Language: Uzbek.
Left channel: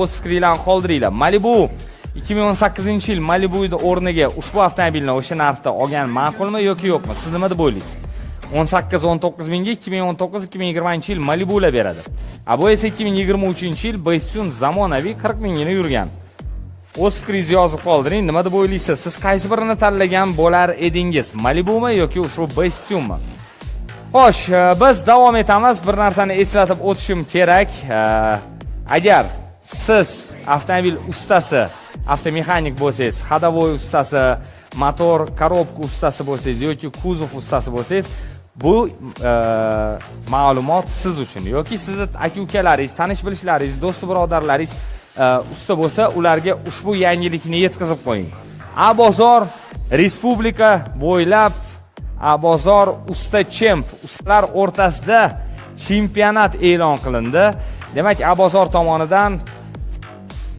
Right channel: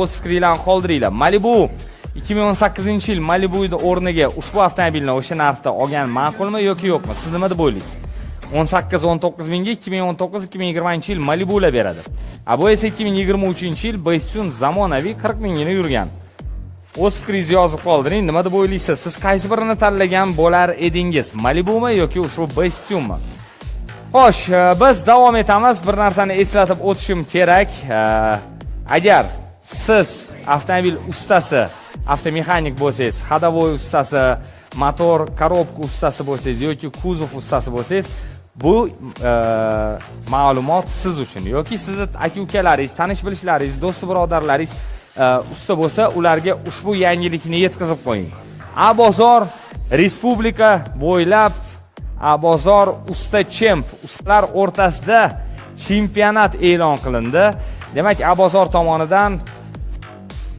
O'z fikringizni qoldiringlar. Malibu 2018-yil Malibu'ning o'rniga ushbu avtomobilni o'sha narxda olgan ma'qulmi yoki yo'qmi? Siz nima deb o'ylaysiz? 18-19 mingga 2019-2020-yil Malibu'lar beradi. Bu esa 2023-yil Bestune zamonaviy 40 mingini yurgan. O'z fikringizni yozib qoldiring. Nima deb o'ylaysiz? Siz qaysi birini tanlagan bo'lar edingiz? Malibu'mi yoki ushbu Bestune'mi? Xo'sh, biz davom etamiz. Bir narsani eslatib o'tishim kerak. Agar siz avtomobil ustasi, avtomexanik bo'lsangiz, ходовой ustasi, motor, korobka ustasi bo'lsangiz yoki kuzov ustasi bo'lsangiz, bu ma'lumot siz uchun. Yoki sizni aka-ukalaringiz, tanish-bilishlaringiz, do'st birodarlaringiz usta bo'lsa, ularga ushbu yangilikni yetkazib qo'ying. Bozor respublika bo'ylab bozor usta chemp, ustalar o'rtasida chempionat e'lon qilindi. Demak, bozor tomonidan